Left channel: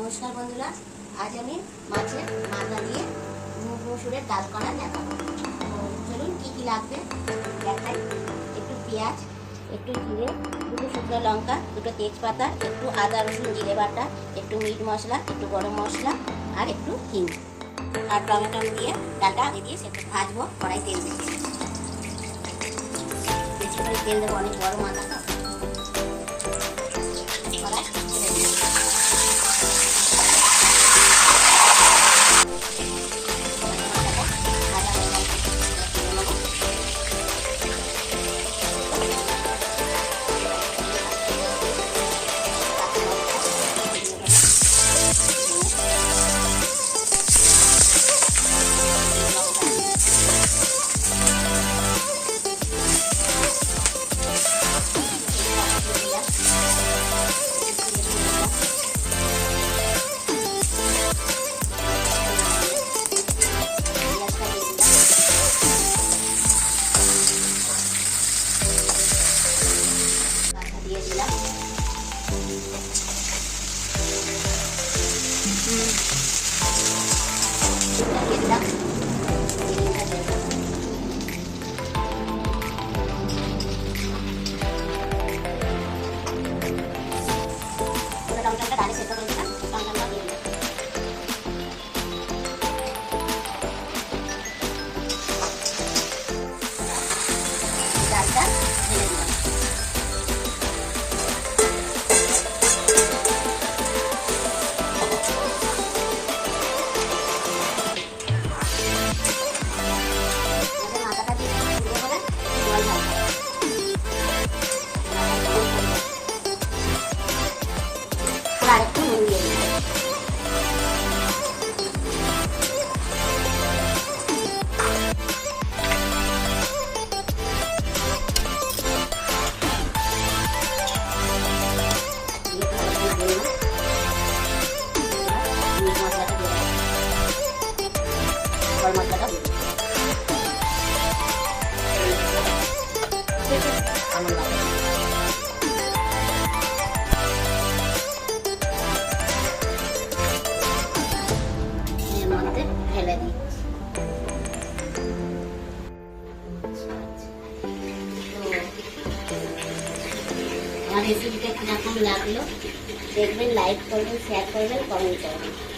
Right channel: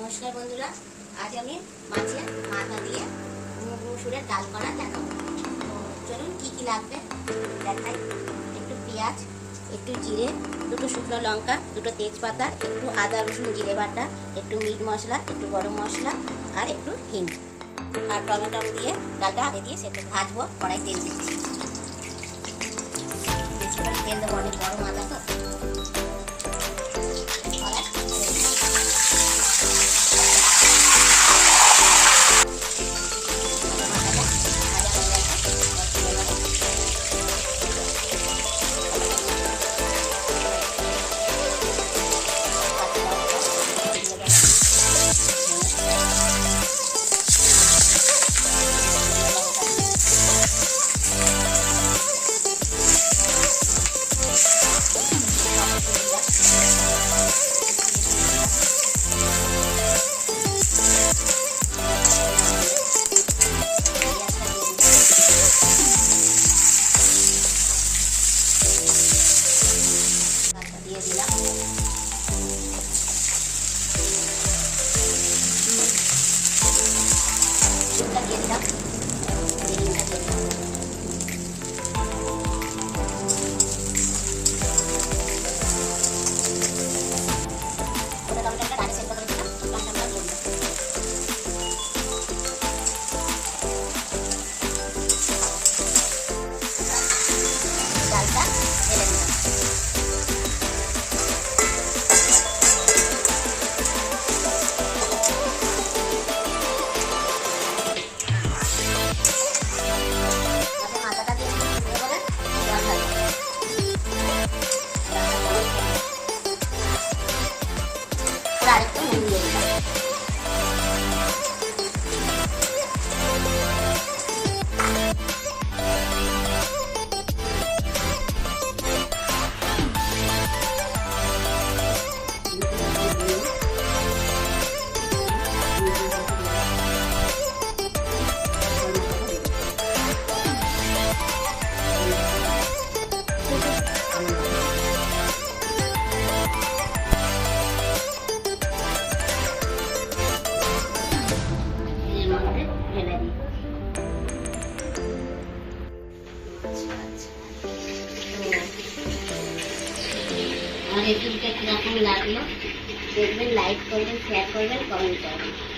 নমস্কার বন্ধুরা, আজ আমি মাছের মাথা দিয়ে মুগ মসুরের ডাল করা দেখাবো। চলুন কি কি লাগবে দেখাই। একটু পেঁয়াজ, একটু জিরে, দুটো শুকনো লঙ্কা, দুটো তেজপাতা, একটু আদা রসুন জিরে বাটা, একটু মিট মশলা, একটু গরম মশলা আর একটু হিং আর টমেটো দিয়ে ডালটা আগে দিয়ে সেটা ভাজবো। কড়াই তেল দিয়ে তেল দেবো, অনেক বড় মাথা তো। ঢেলে দিই। আমার রেসিপিটা কিরকম লাগলো দেখবেন, লাইক করবেন, শেয়ার করবেন, কমেন্ট করবেন।